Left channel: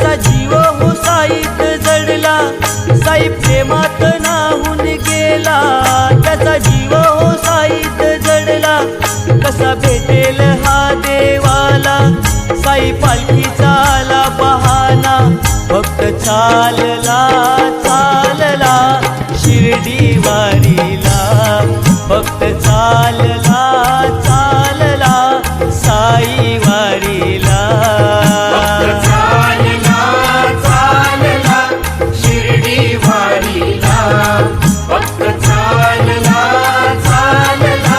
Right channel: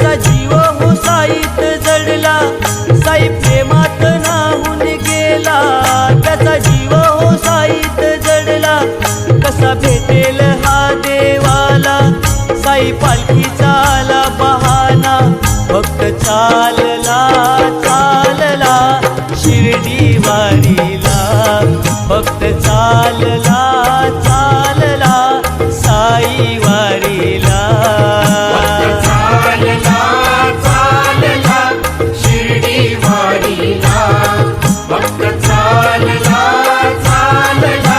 त्याचा जीव हो साईत जडला, साई प्रेमात नाहून गेला. त्याचा जीव हो साईत जडला, कसा भेटेल हा देवाला. साई पालखीचा आला बहाना, भक्त चालला चालला शिर्डी वारीला. भक्त चालला चालला साई वारीला. चालला चालला शिर्डी वारीला. भक्त चालला चालला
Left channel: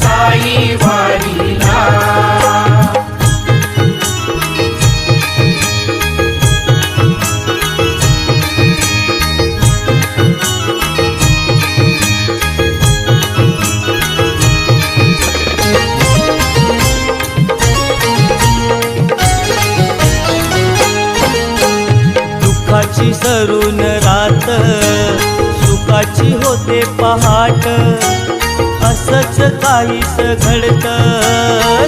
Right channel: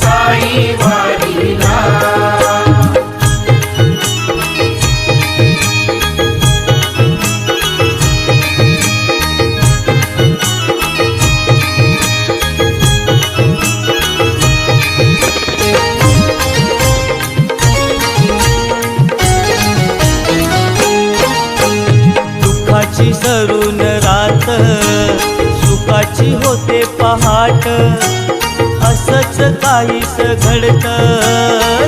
साई वारीला. दुःखाची सरून रात, सुखाची होते पहाट. असंच काहीस घडत,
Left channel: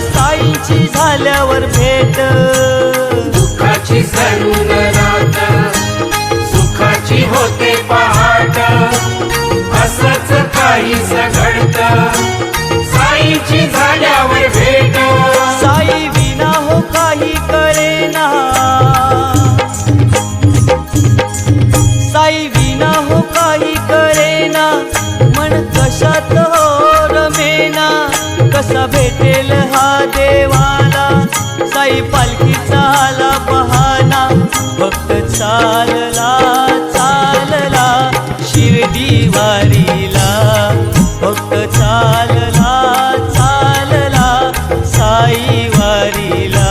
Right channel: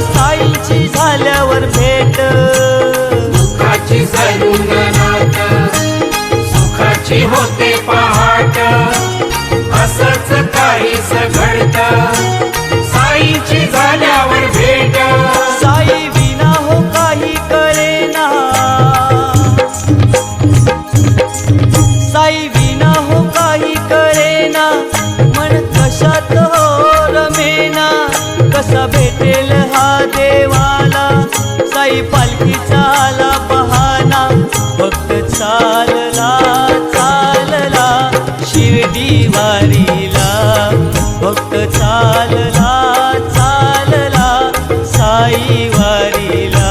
साईंची झाल्यावर भेट. दुःखाची सरून रात, सुखाची होते पहाट. असंच काहीस घडत, साईची झाल्यावर भेट. साई विना हो काही कळेना, साई विना हो काही कळेना. मन कशात हो रमेना, कसा भेटेल हा देवाला. साई पालखीचा आला बहाना, भक्त चालला चालला शिर्डी वारीला. भक्त चालला चालला साई वारीला.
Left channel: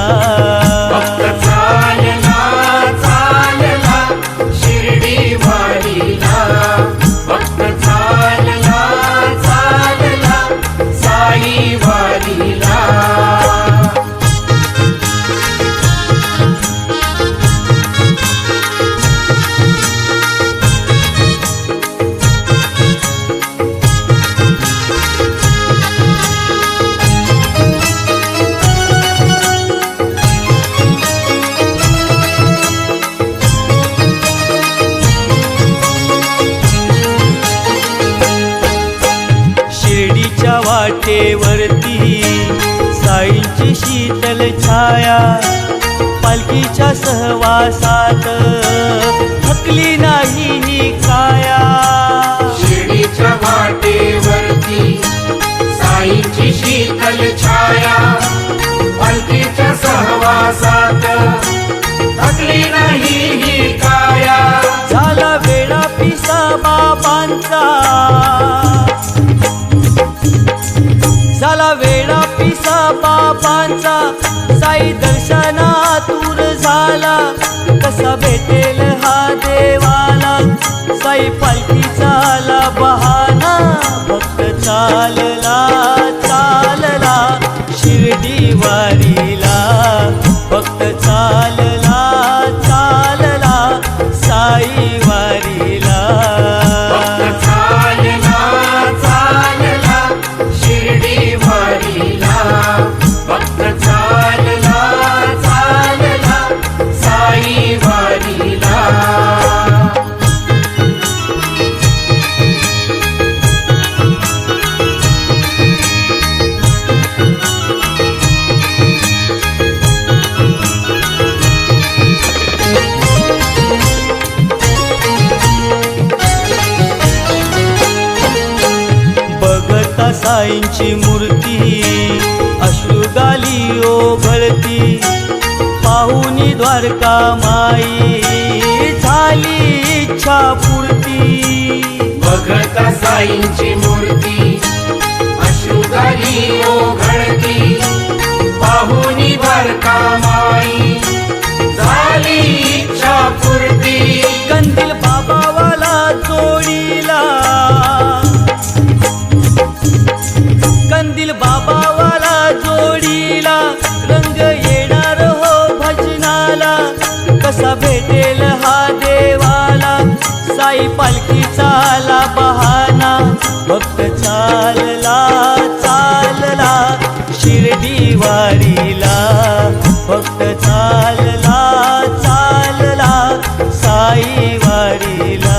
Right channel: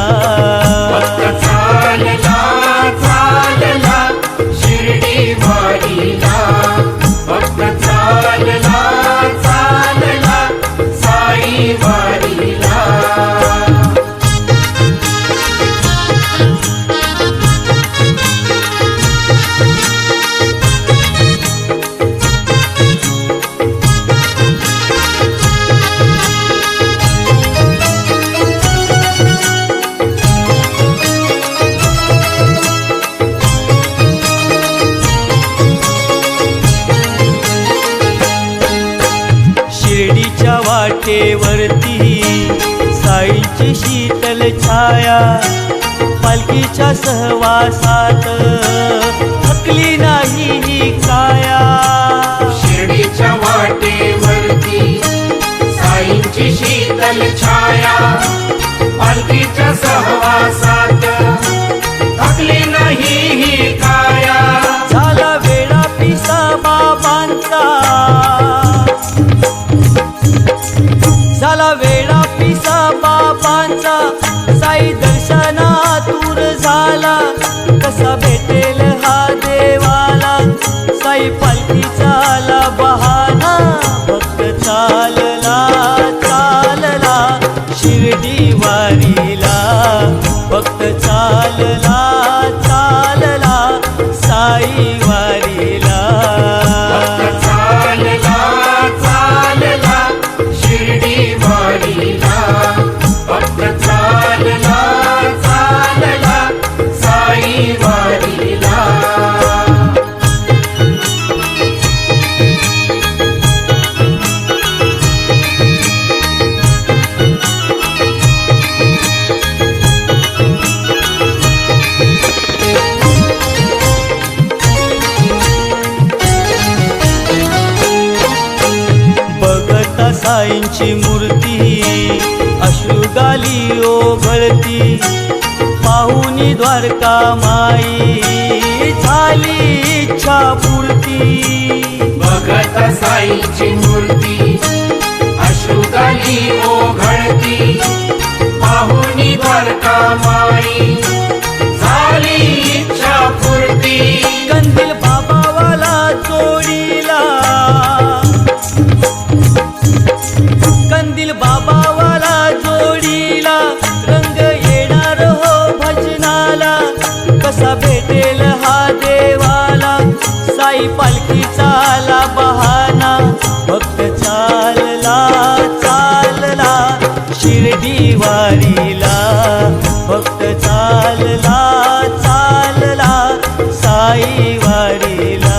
भक्त चालला चालला शिर्डी वारीला. भक्त चालला चालला साई वारीला. शिर्डीच्या वाटेवरती साईंची शीतल छाया. पालखीच्या सहवासात थकली नाही ही काया. शिर्डीच्या वाटेवरती साईंची शीतल छाया. पालखीच्या सहवासात थकली नाही ही काया. झाला वेळा पिसा बाबांचा, झाला वेळा पिसा बाबांचा. साई दर्शनातूर झाला, कसा भेटेल हा देवाला. साई पालखीचा आला बहाना, भक्त चालला चालला शिर्डी वारीला. भक्त चालला चालला साई वारीला. भक्त चालला चालला शिर्डी वारीला. भक्त चालला चालला साई वारीला. बघता साईंची मूर्ती, अश्रुगाली ओघळती. पाहुनी द्वारका माई, झाली इच्छा पूर्ती. बघत साईंची मूर्ती, अश्रुगाली ओघळती. पाहुनी द्वारका माई, झाली इच्छा पूर्ती. कंदील बाबावाला जोडीला, कंदील बाबावाला जोडीला. रंग येणार हो भजनाला, कसा भेटेल हा देवाला. साई पालखीचा आला बहाना, भक्त चालला चालला शिर्डी वारीला. भक्त चालला चालला आई वारीला